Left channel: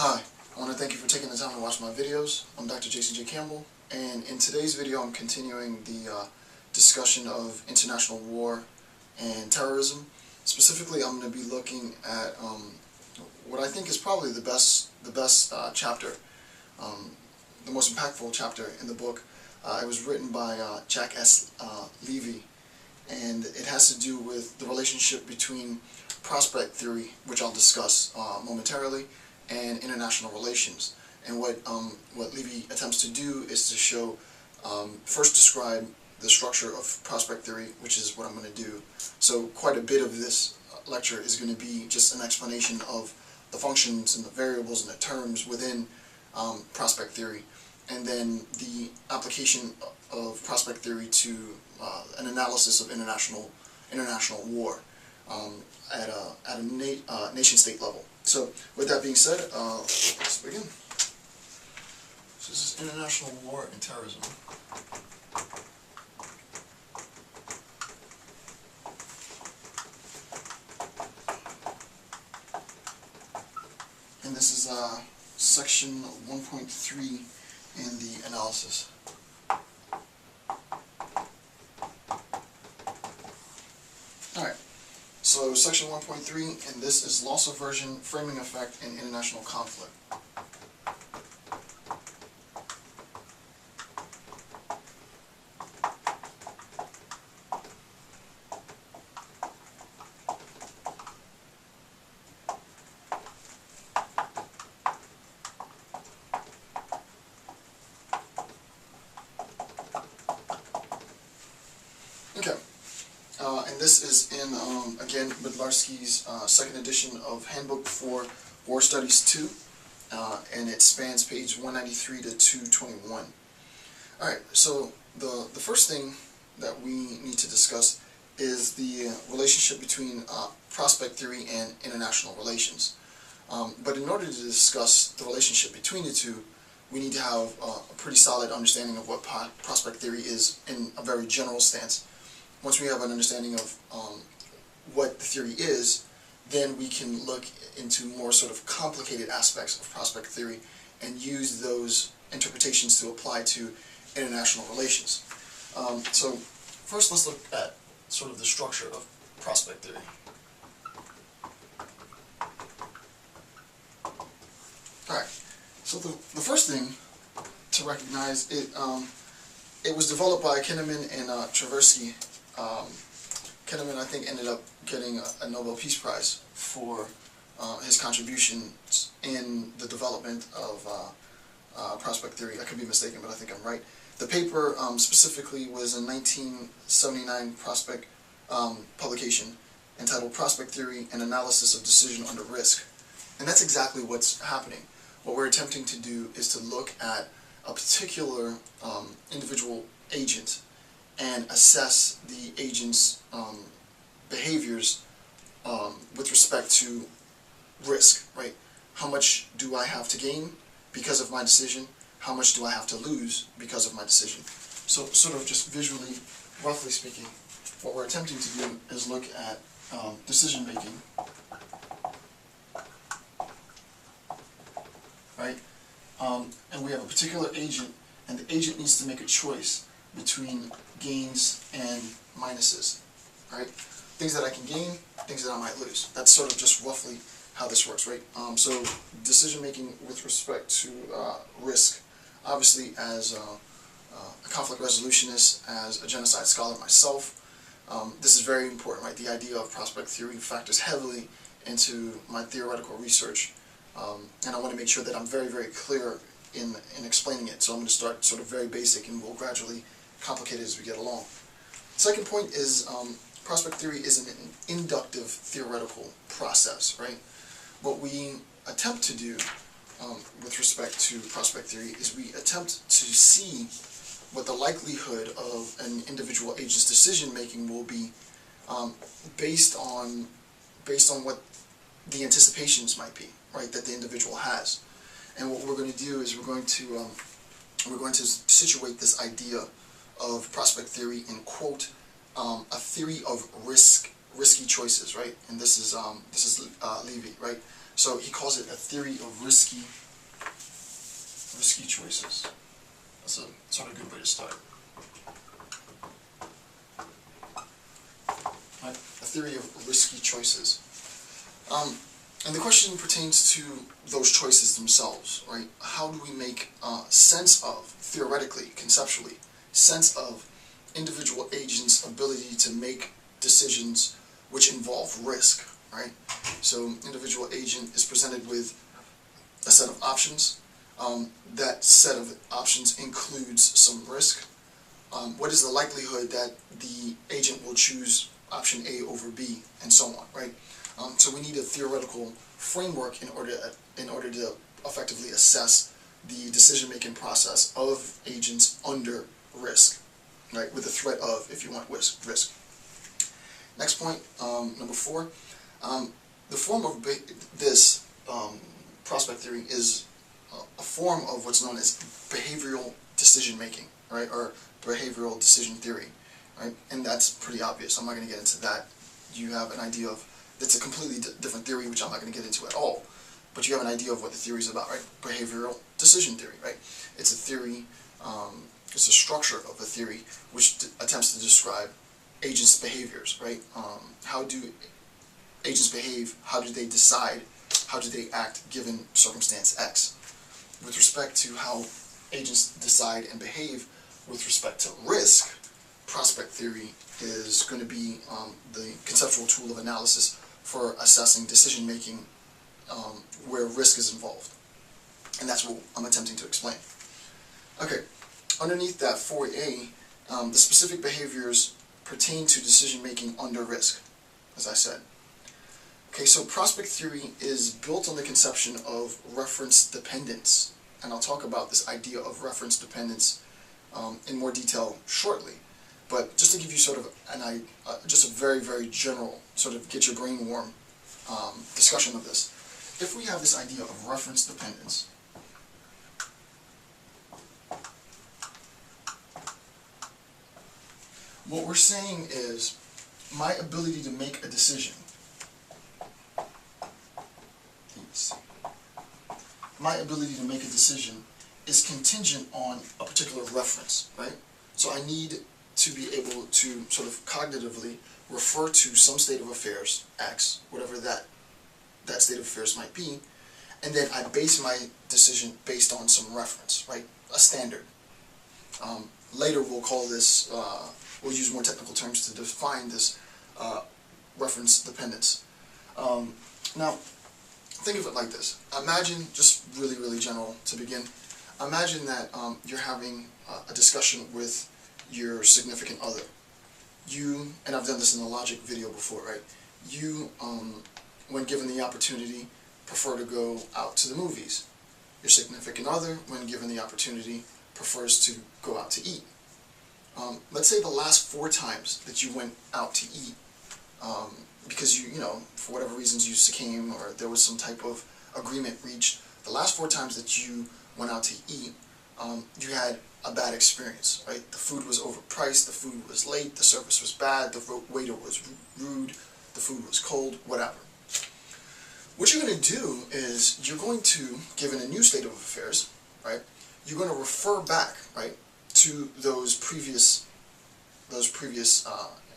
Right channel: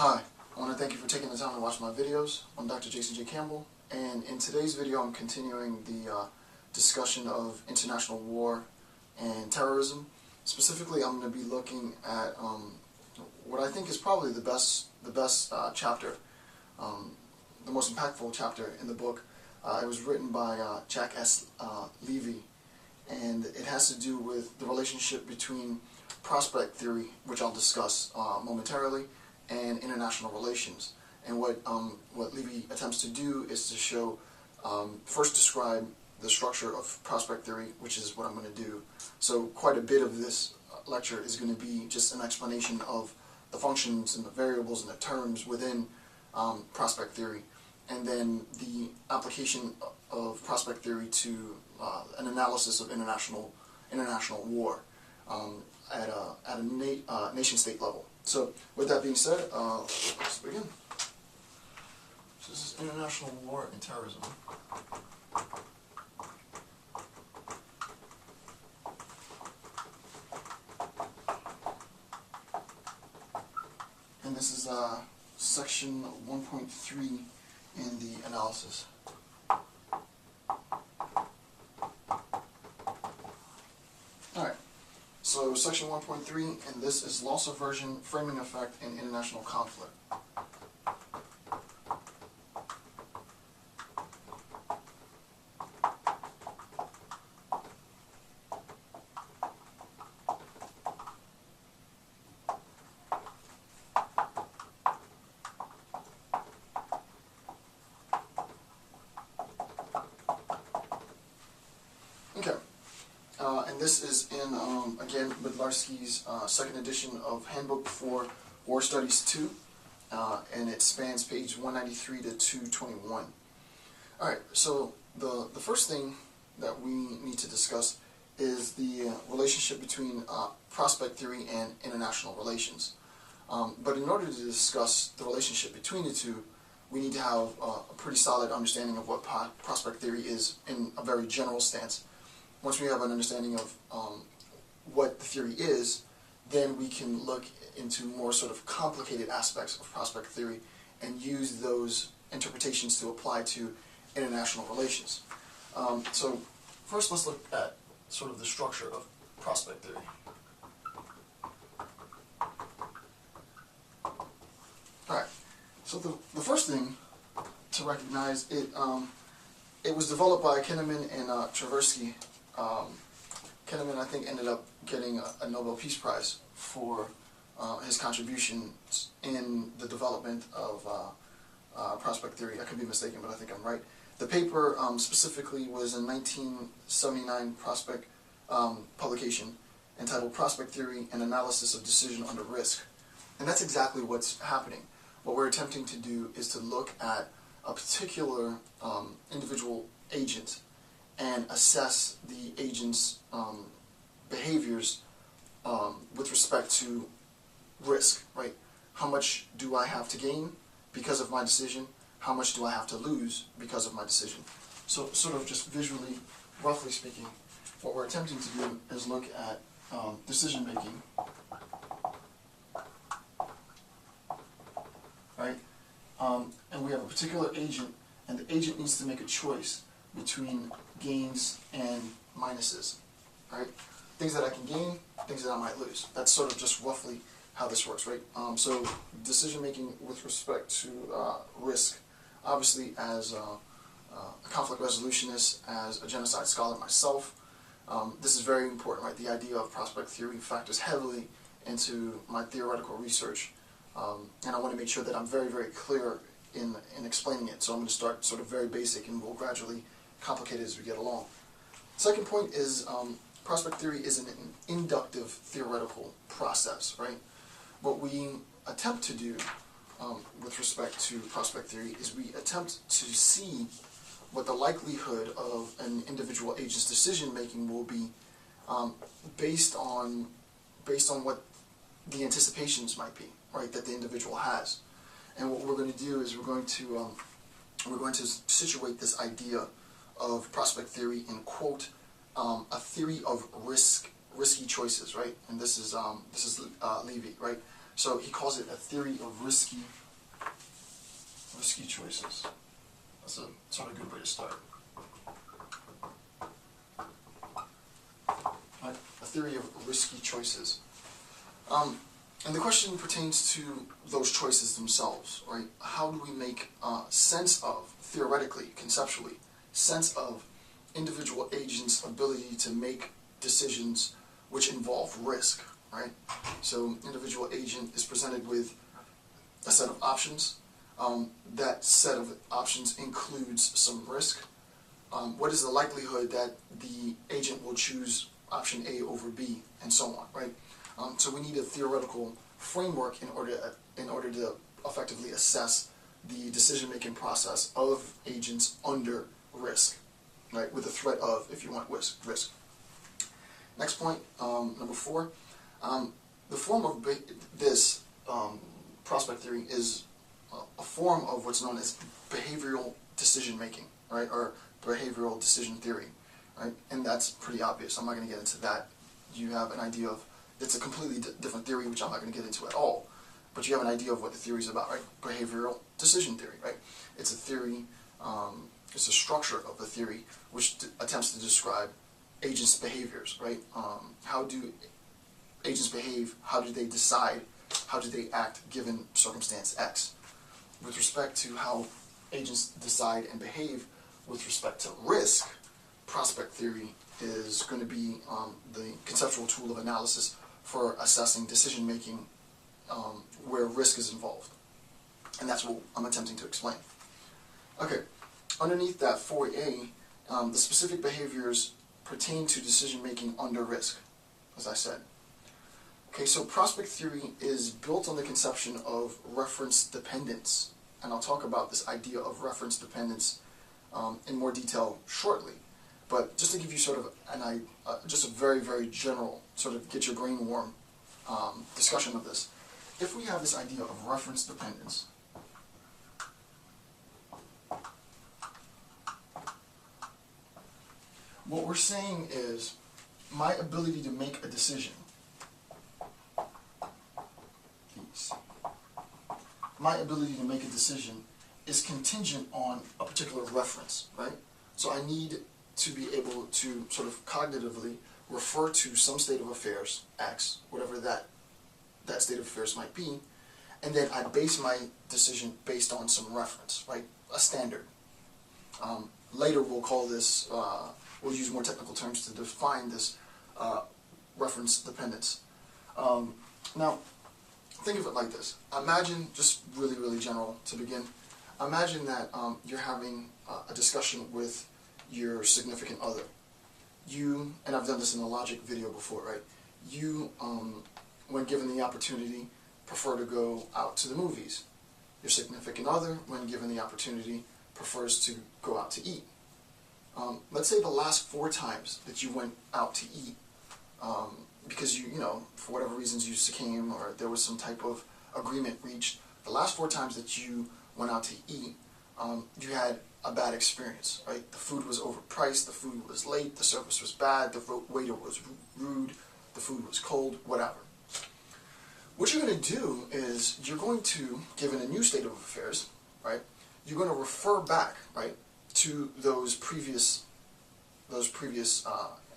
Hi, I want to thank you for taking the time to watch my videos. I'm Dr. Jason J. Campbell, and in today's video I'm continuing the discussion of international war and terrorism. Specifically, I'm going to be looking at what I think is probably the best chapter, the most impactful chapter in the book. It was written by Jack S. Levy, and it has to do with the relationship between prospect theory, which I'll discuss momentarily, and international relations. And what Levy attempts to do is to show, first describe the structure of prospect theory, which is what I'm going to do. So quite a bit of this lecture is going to be just an explanation of the functions and the variables and the terms within prospect theory, and then the application of prospect theory to an analysis of international war at a nation-state level. So, with that being said, let's begin. So this is international war and terrorism. And this is section 1.3 in the analysis. Alright, so section 1.3, and this is loss aversion, framing effect, and international conflict. Okay, and this is in, again, Bydlarski's second edition of Handbook for War Studies 2, and it spans page 193 to 221. Alright, so the first thing that we need to discuss is the relationship between prospect theory and international relations. But in order to discuss the relationship between the two, we need to have a pretty solid understanding of what prospect theory is in a very general stance. Once we have an understanding of what the theory is, then we can look into more sort of complicated aspects of prospect theory and use those interpretations to apply to international relations. So first let's look at sort of the structure of prospect theory. Alright, so the first thing to recognize, it was developed by Kinnaman and Tversky. Kinnaman, I think, ended up getting a Nobel Peace Prize for his contributions in the development of prospect theory. I could be mistaken, but I think I'm right. The paper specifically was a 1979 prospect publication entitled Prospect Theory and Analysis of Decision Under Risk. And that's exactly what's happening. What we're attempting to do is to look at a particular individual agent and assess the agent's behaviors with respect to risk, right? How much do I have to gain because of my decision? How much do I have to lose because of my decision? So sort of just visually, roughly speaking, what we're attempting to do is look at decision making, right? And we have a particular agent, and the agent needs to make a choice between gains and minuses, right? Things that I can gain, things that I might lose. That's sort of just roughly how this works, right? So decision making with respect to risk. Obviously, as a conflict resolutionist, as a genocide scholar myself, this is very important, right? The idea of prospect theory factors heavily into my theoretical research, and I want to make sure that I'm very, very clear in explaining it. So I'm going to start sort of very basic, and we'll gradually complicate it as we get along. Second point is prospect theory is an inductive theoretical process, right? What we attempt to do with respect to prospect theory is we attempt to see what the likelihood of an individual agent's decision making will be based on what the anticipations might be, right, that the individual has. And what we're going to do is we're going to situate this idea of prospect theory in, quote, a theory of risky choices, right? And this is Levy, right? So he calls it a theory of risky choices. That's a sort of good way to start. Right? A theory of risky choices. And the question pertains to those choices themselves, right? How do we make sense of, theoretically, conceptually, sense of individual agents' ability to make decisions which involve risk, right? So individual agent is presented with a set of options. That set of options includes some risk. What is the likelihood that the agent will choose option A over B, and so on, right? So we need a theoretical framework in order to effectively assess the decision-making process of agents under risk, right? With the threat of, if you want, risk. Next point, number 4. The form of this prospect theory is a form of what's known as behavioral decision-making, right? Or behavioral decision theory, right? And that's pretty obvious. I'm not going to get into that. You have an idea of, it's a completely different theory, which I'm not going to get into at all. But you have an idea of what the theory is about, right? Behavioral decision theory, right? It's a theory, it's a structure of a theory which attempts to describe agents' behaviors, right? How do agents behave? How do they decide? How do they act given circumstance X? With respect to how agents decide and behave with respect to risk, prospect theory is going to be the conceptual tool of analysis for assessing decision-making where risk is involved. And that's what I'm attempting to explain. Okay, underneath that 4A, the specific behaviors pertain to decision-making under risk, as I said. Okay, so prospect theory is built on the conception of reference dependence. And I'll talk about this idea of reference dependence in more detail shortly. But just to give you sort of just a very, very general, sort of get your brain warm discussion of this. If we have this idea of reference dependence, what we're saying is my ability to make a decision, is contingent on a particular reference, right? So I need to be able to sort of cognitively refer to some state of affairs, X, whatever that state of affairs might be, and then I base my decision based on some reference, right? A standard. Later we'll call this, we'll use more technical terms to define this reference dependence. Now, think of it like this. Imagine, just really, really general to begin, imagine that you're having a discussion with your significant other. You, and I've done this in a logic video before, right? You, when given the opportunity, prefer to go out to the movies. Your significant other, when given the opportunity, prefers to go out to eat. Let's say the last 4 times that you went out to eat, because you know, for whatever reasons you succumbed or there was some type of agreement reached, the last 4 times that you went out to eat, you had a bad experience, right? The food was overpriced, the food was late, the service was bad, the waiter was rude, the food was cold, whatever. What you're going to do is you're going to, given a new state of affairs, right, you're going to refer back, right, to those previous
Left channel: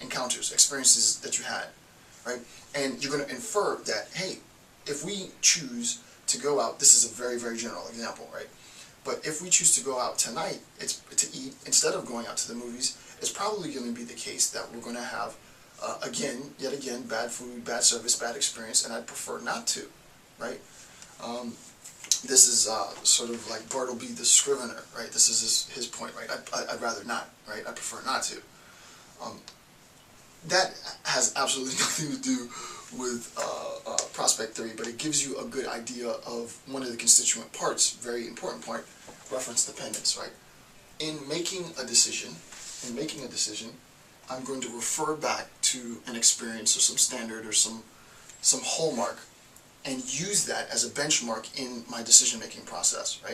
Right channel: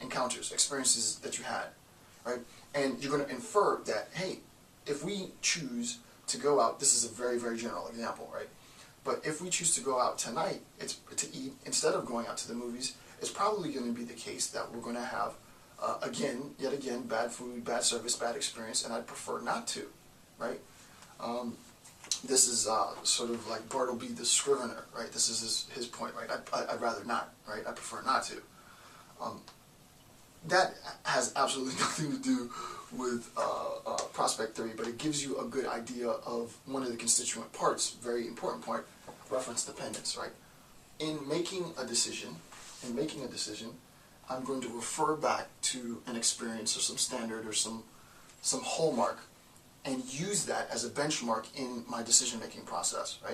encounters, experiences that you had, right? And you're going to infer that, hey, if we choose to go out, this is a very, very general example, right? But if we choose to go out tonight to eat, instead of going out to the movies, it's probably going to be the case that we're going to have, yet again, bad food, bad service, bad experience, and I'd prefer not to, right? This is sort of like Bartleby the Scrivener, right? This is his point, right? I'd rather not, right? I prefer not to. That has absolutely nothing to do with prospect theory, but it gives you a good idea of one of the constituent parts, very important part, reference dependence, right? In making a decision, I'm going to refer back to an experience or some standard or some hallmark and use that as a benchmark in my decision-making process, right?